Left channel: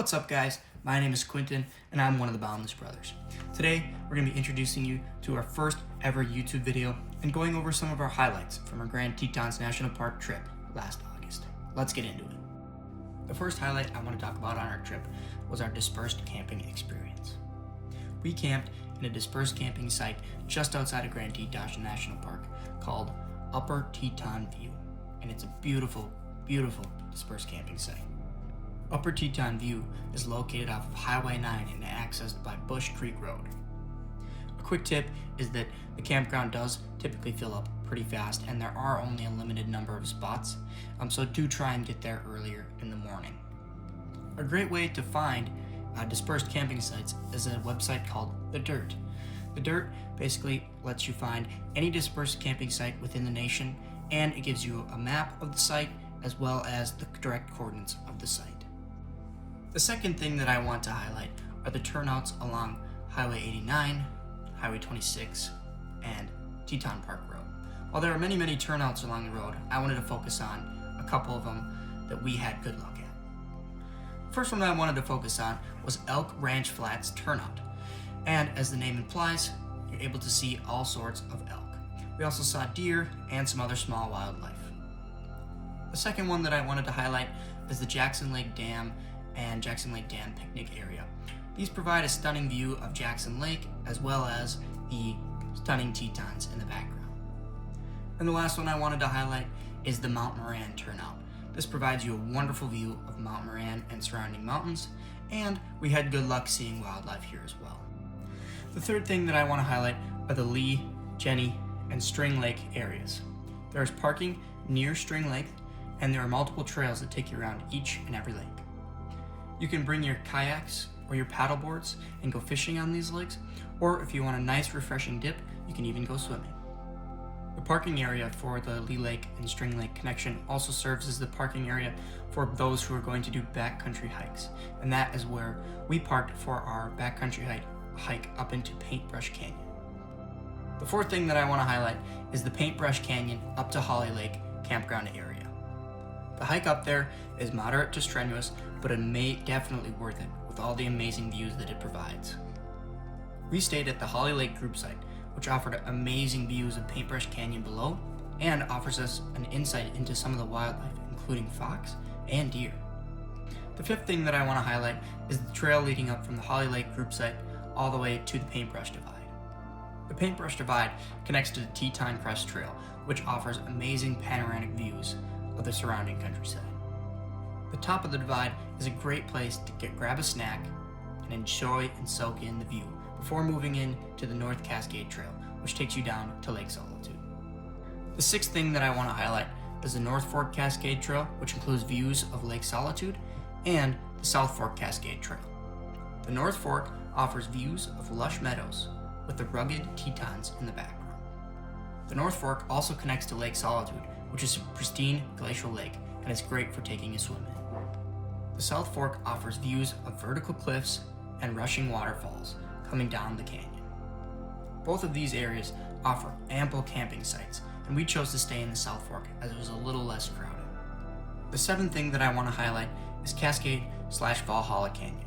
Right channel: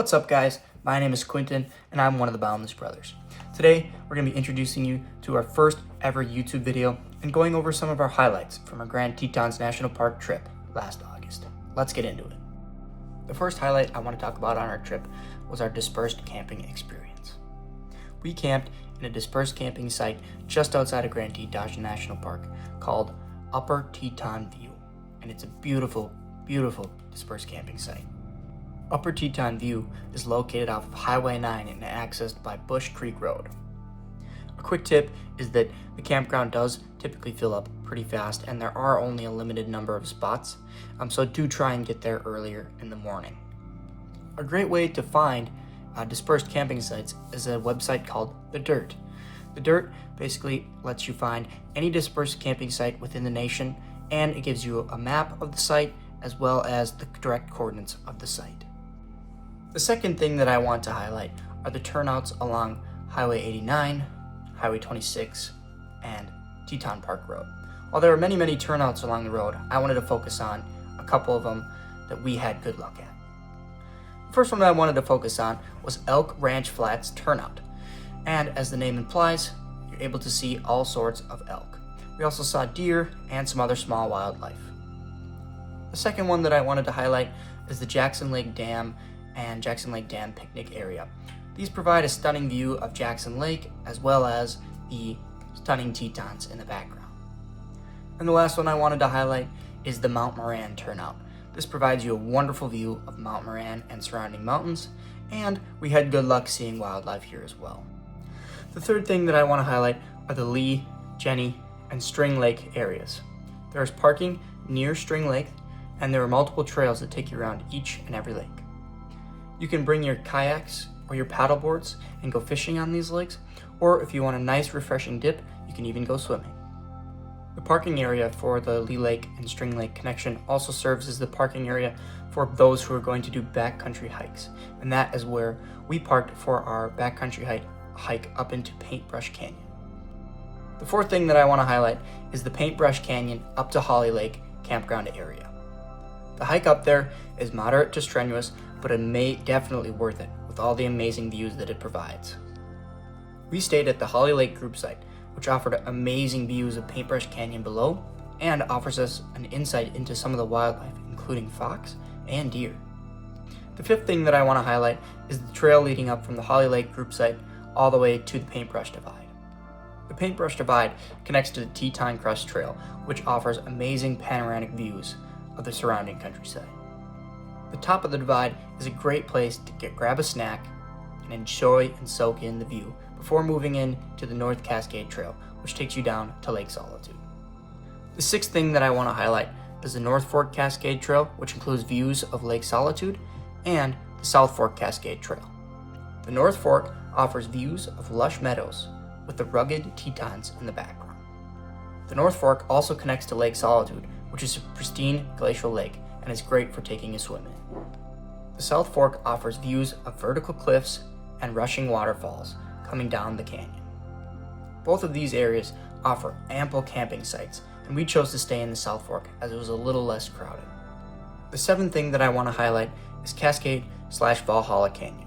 What's up, guys? My name is Quentin and I'm one of the Boundless Brothers. Today we're going to be introducing you to our first ever YouTube video and going over some of our highlights from our Grand Teton National Park trip last August. Let's get into it. The first highlight I want to talk about on our trip was our dispersed camping experience. We camped in a dispersed camping site just outside of Grand Teton National Park called Upper Teton View, and it's a beautiful, beautiful dispersed camping site. Upper Teton View is located off of Highway 9 and accessed by Bush Creek Road. A quick tip is that the campground does typically fill up pretty fast and there are only a limited number of spots, so do try and get there earlier in the morning. A great way to find dispersed camping sites is a website called The Dirt. The Dirt basically lets you find any dispersed camping site within the nation, and it gives you a map of the site as well as the direct coordinates of the site. The second thing that I want to highlight are the turnouts along Highway 89, Highway 26, and Teton Park Road. While there are many turnouts along the road, I wanted to focus on a couple of them that we had good luck at. The first one that I wanted to focus on was Elk Ranch Flats turnout. And as the name implies, you're able to see all sorts of elk. We also saw deer and some other small wildlife. The second one that I wanted to highlight is the Jackson Lake Dam and Jackson Lake Dam picnic area. These provide a stunning view of Jackson Lake as well as the stunning Tetons in the background. And the last one I wanted to highlight is the Mount Moran turnout. This provides you a wonderful view of Mount Moran and surrounding mountains, and we had good luck seeing wildlife here as well. The third thing that I want to highlight are the Lee, Jenny, and String Lake areas. There is parking near String Lake, and there are multiple trails that take you around each and every lake. You can bring your kayaks or your paddle boards and go fishing on these lakes, or if you want a nice refreshing dip, you can even go swimming. The parking area for the Lee Lake and String Lake connection also serves as the parking area for those who are going to do backcountry hikes, and that is where we parked for our backcountry hike up into Paintbrush Canyon. The fourth thing that I want to highlight is the Paintbrush Canyon up to Holly Lake campground area. The hike up there is moderate to strenuous, but it definitely worth it with all the amazing views that it provides. We stayed at the Holly Lake group site, which offered amazing views of Paintbrush Canyon below and offers us an insight into some of the wildlife, including fox and deer. The fifth thing that I want to highlight is the trail leading up from the Holly Lake group site all the way to the Paintbrush Divide. The Paintbrush Divide connects to the Teton Crest Trail, which offers amazing panoramic views of the surrounding countryside. The top of the divide is a great place to grab a snack and enjoy and soak in the view before moving in to the North Cascade Trail, which takes you down to Lake Solitude. The sixth thing that I want to highlight is the North Fork Cascade Trail, which includes views of Lake Solitude, and the South Fork Cascade Trail. The North Fork offers views of lush meadows with the rugged Tetons in the background. The North Fork also connects to Lake Solitude, which is a pristine glacial lake and is great for taking a swim in. The South Fork offers views of vertical cliffs and rushing waterfalls coming down the canyon. Both of these areas offer ample camping sites, and we chose to stay in the South Fork as it was a little less crowded. The seventh thing that I want to highlight is Cascade/Valhalla Canyon.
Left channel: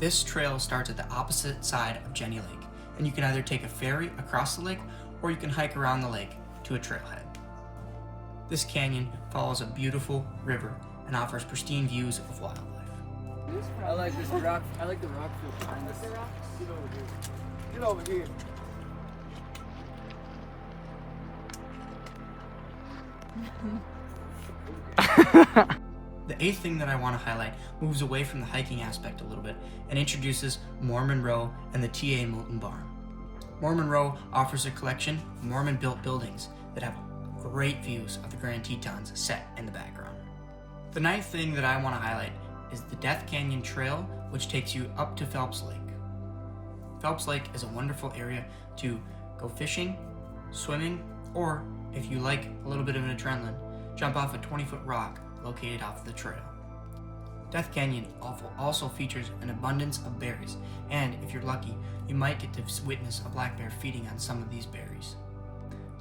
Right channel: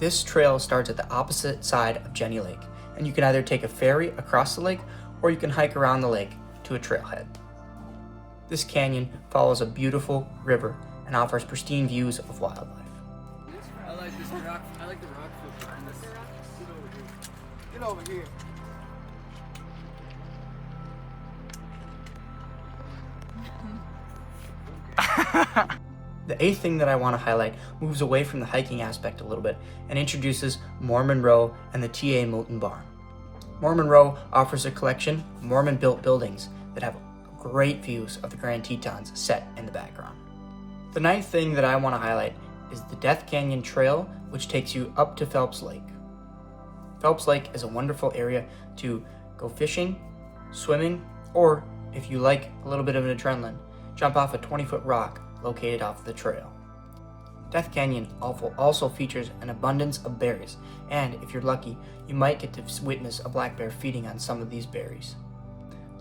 This trail starts at the opposite side of Jenny Lake, and you can either take a ferry across the lake or you can hike around the lake to a trailhead. This canyon follows a beautiful river and offers pristine views of wildlife. I like this rock. I like the rock field behind us. Get over here. Get over here. The eighth thing that I want to highlight moves away from the hiking aspect a little bit and introduces Mormon Row and the T.A. Moulton Barn. Mormon Row offers a collection of Mormon-built buildings that have great views of the Grand Tetons set in the background. The ninth thing that I want to highlight is the Death Canyon Trail, which takes you up to Phelps Lake. Phelps Lake is a wonderful area to go fishing, swimming, or if you like a little bit of an adrenaline, jump off a 20-foot rock located off the trail. Death Canyon also features an abundance of berries, and if you're lucky, you might get to witness a black bear feeding on some of these berries.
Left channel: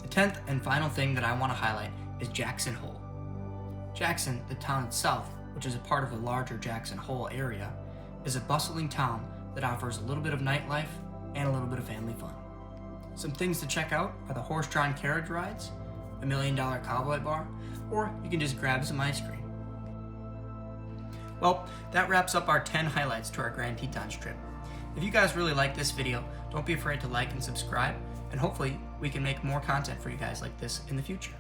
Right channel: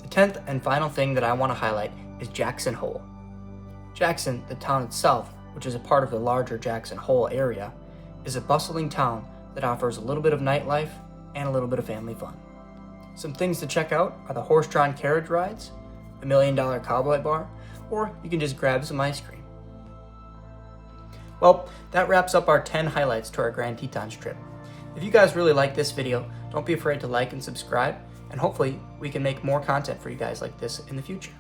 The 10th and final thing that I want to highlight is Jackson Hole. Jackson, the town itself, which is a part of the larger Jackson Hole area, is a bustling town that offers a little bit of nightlife and a little bit of family fun. Some things to check out are the horse-drawn carriage rides, the $1 Million Cowboy Bar, or you can just grab some ice cream. Well, that wraps up our 10 highlights to our Grand Tetons trip. If you guys really like this video, don't be afraid to like and subscribe, and hopefully we can make more content for you guys like this in the future.